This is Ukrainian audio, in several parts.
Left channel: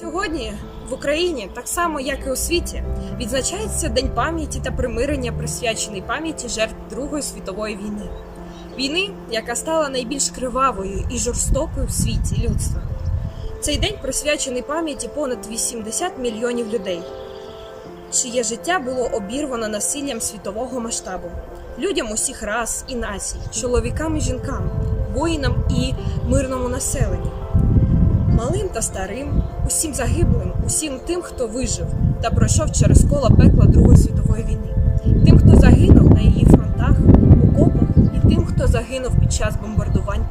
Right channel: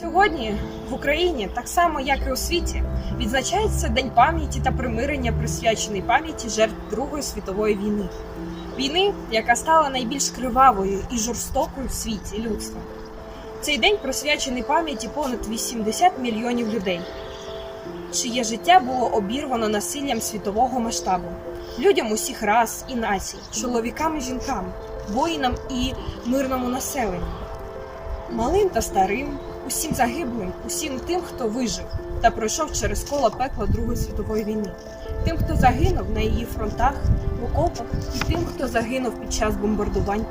Сьогодні в Україні, так само як і у світі, відзначається День пам'яті та примирення, присвячений пам'яті жертв Другої світової війни. Війни, яка стала найбільш кривавою і жорстокою в світі людства. Цей день присвячений пам'яті понад 80 мільйонів людей, чиє життя було обірвано насиллям світового масштабу, людям усіх рас і націй, чоловікам і жінкам, воїнам і мирному населенню малим та старим, усім загиблим, усім тим, хто вижив та пройшов через коло пекла Другої світової війни, тим, хто загинув на її фронтах, окопах, тим, хто загинув під час бомбардувань,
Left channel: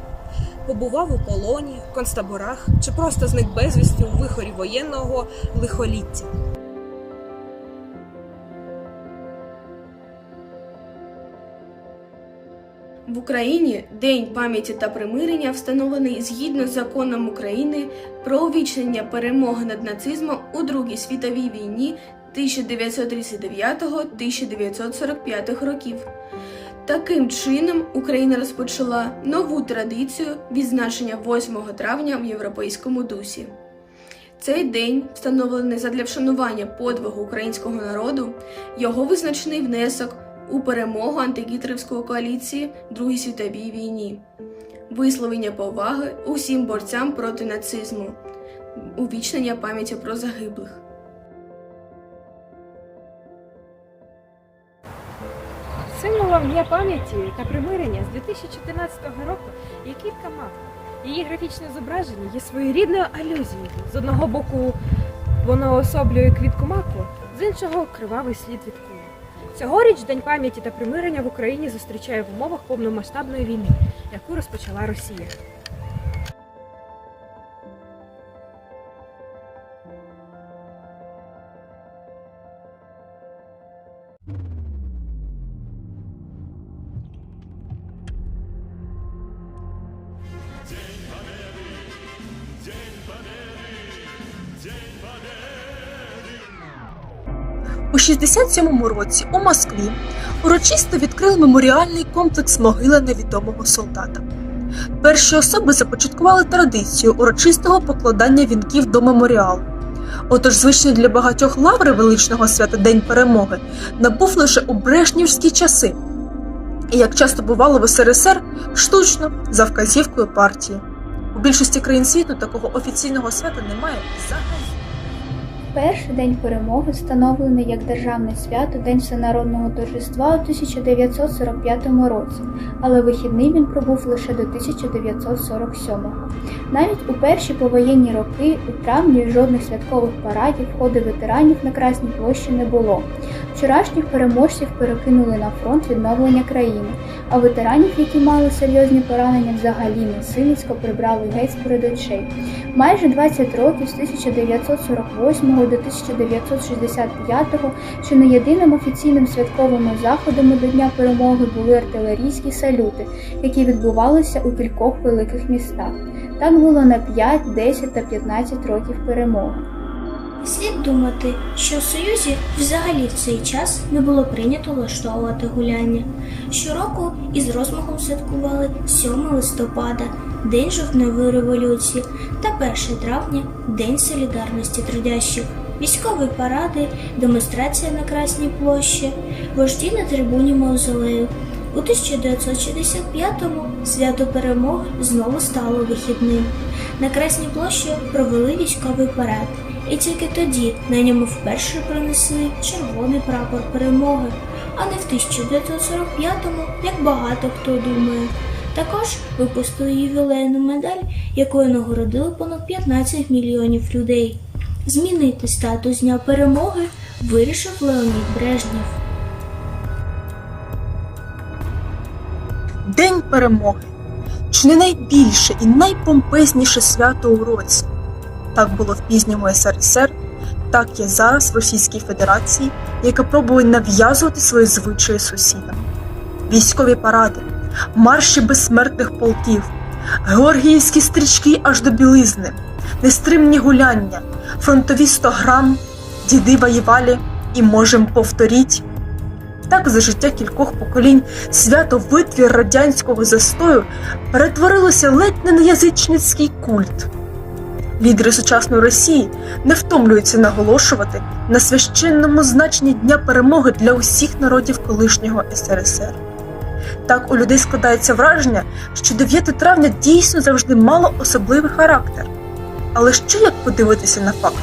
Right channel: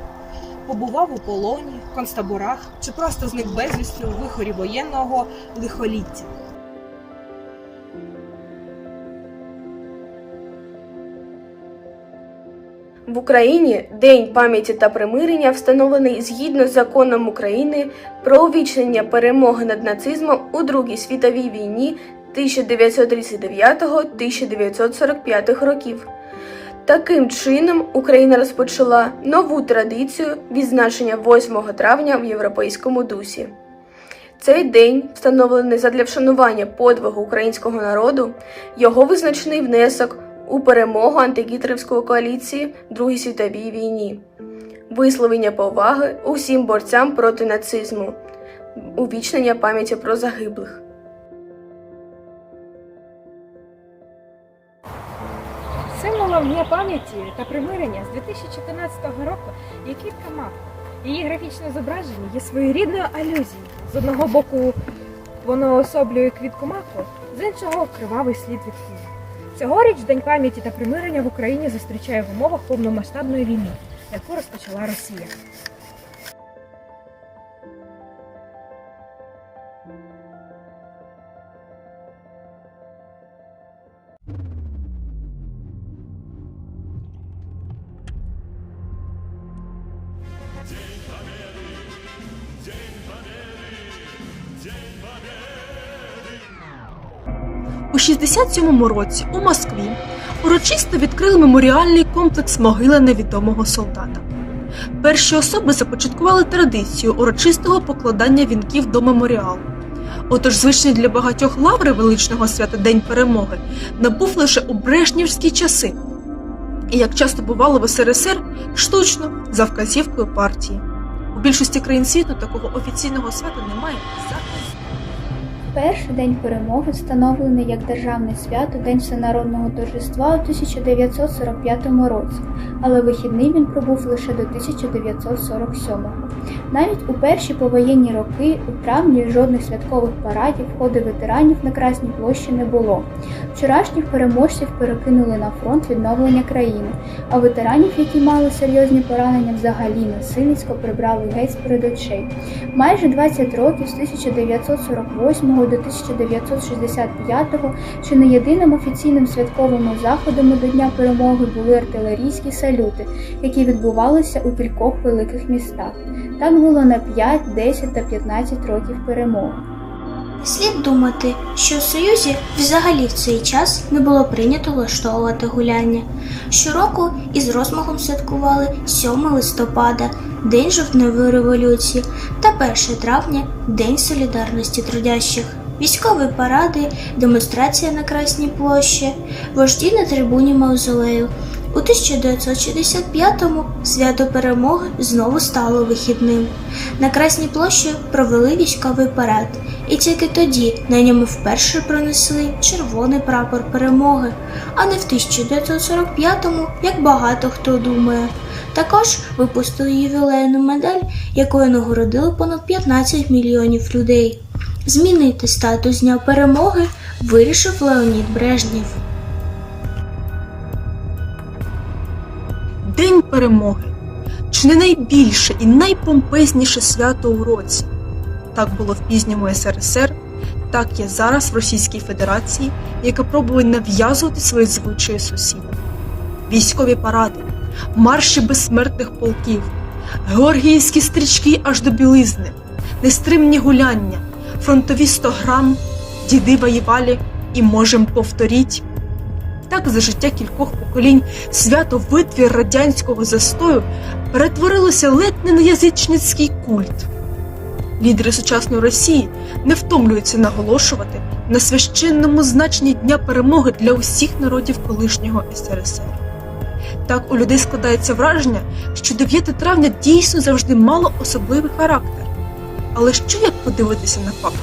побував у полоні, концтаборах чи просто зник безвісти у вихорі воєнного лихоліття. В Україні День пам'яті та примирення встановлений згідно з законом України про увічнення перемоги над нацизмом у Другій світовій війні 1939-1945 років. Таким чином Україна розпочала нову традицію відзначення 8 травня в європейському дусі. Цей день встановлений задля вшанування подвигу українського народу, його визначний внесок у перемогу антигітлерівської коаліції Другій світовій війні, висловлення поваги усім борцям проти нацизму, увічнення пам'яті про загиблих. Символом Дня пам'яті та примирення з 2014 року є квітка мак. Її графічне зображення є своєрідною алюзією. З одного боку воно особлює квітку маку, з іншого кривавий слід від кулі. Цьогоріч День пам'яті та примирення в Україні зустрічає в умовах повномасштабної війни, яку розпочала Росія. У 67-му році у Москві урочисто відкрили меморіальний комплекс могили невідомого солдата. Перші особи започаткували традицію урочистого покладання вінків до меморіалу. Отож, звичний для багатьох лаври величного свята День перемоги набув лише у брешнівські часи, і як часто бувало в СРСР, штучно за вказівкою партії. У більшості країн світу такого офіційного свята немає взагалі. Перший день перемоги встановлений як державне свято День всенародного торжества у 1945 році, але вихідний він пробув лише до 1947. Навіть у перші повоєнні роки у травні жодних святкових парадів ходи ветеранів на Красній площі не було. Вчорашніх переможців перекинули на фронт відновлення країни, а ветеранів, які мали серйозні поранення, взагалі насильницько прибрали геть з перед очей. Майже 20 років з 1948 до 1965-го, що не єдиним офіційним святковим заходом до Дня перемоги були артилерійські салюти, які відбувалися у кількох великих містах. Так було на 5, 10 та 15 років перемоги. Слід думати, що в Союзі взагалі в цей час не було прийнято влаштовувати гуляння. Щороку із розмахом святкували 7 листопада, День жовтневої революції та 1 травня День солідарності трудящих. Військові паради, демонстрація на Красній площі, вожді на трибуні Мавзолею. У 1965-му свято перемоги знову стало вихідним. На Красній площі провели військовий парад, і тільки тоді на ньому вперше пронесли червоний прапор перемоги, а не в 1945-му, як багато хто думає. Також випустили ювілейну медаль, якою нагородили понад 15 мільйонів людей. Змінити статус Дня перемоги вирішив Леонід Брежнєв. День перемоги чи не найбільше і найпомпезніше свято у році. Так було в пізньому СРСР, так є зараз в Російській Федерації, яка пробує нав'язувати свої звичаї сусідам. Військові паради, марші безсмертних полків, георгіївські стрічки аж до білизни, нестримні гуляння, фронтові 100 грам, діди воювали і можем повторіть. Так за життя кількох поколінь свято витвір радянського застою перетворилося ледь не на язичницький культ. Лідери сучасної Росії не втомлюються наголошувати на священному значенні Дня перемоги для усіх народів колишнього СРСР. Так у людей складається враження, що 9 травня дійсно завжди мало особливий характер. Але що як подивитися на факт?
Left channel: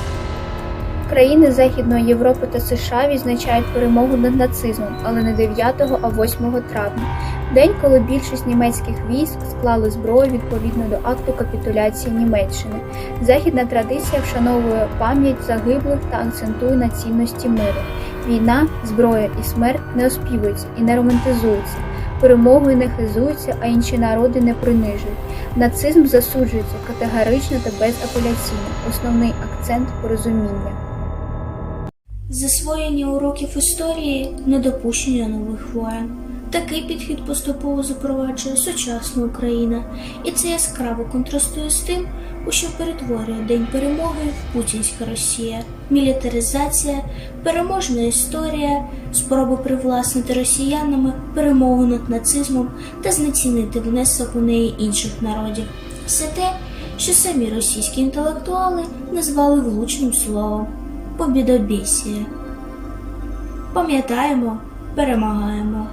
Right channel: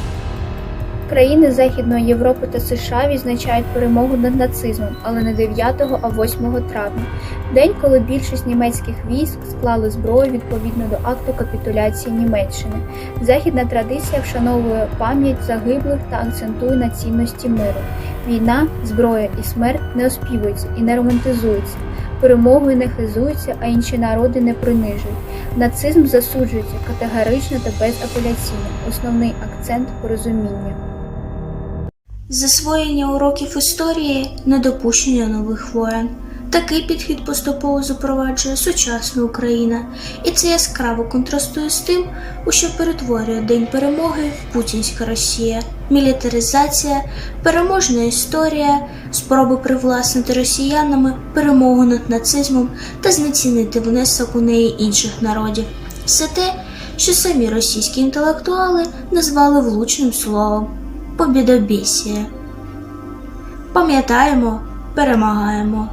Країни Західної Європи та США відзначають перемогу над нацизмом, але не 9, а 8 травня, день, коли більшість німецьких військ склали зброю відповідно до акту капітуляції Німеччини. Західна традиція вшановує пам'ять загиблих та акцентує на цінності миру. Війна, зброя і смерть не оспівуються і не романтизуються. Перемогою не хизуються, а інші народи не принижують. Нацизм засуджується категорично та безапеляційно. Основний акцент порозуміння. Засвоєння уроків історії, недопущення нових воєн. Такий підхід поступово запроваджує сучасна Україна, і це яскраво контрастує з тим, у що перетворює День перемоги Путінська Росія, мілітаризація, переможна історія, спроби привласнити росіянами перемогу над нацизмом та знецінити внесок у неї інших народів. Все те, що самі російські інтелектуали назвали влучним словом побідобєсія. Пам'ятаємо, перемагаємо.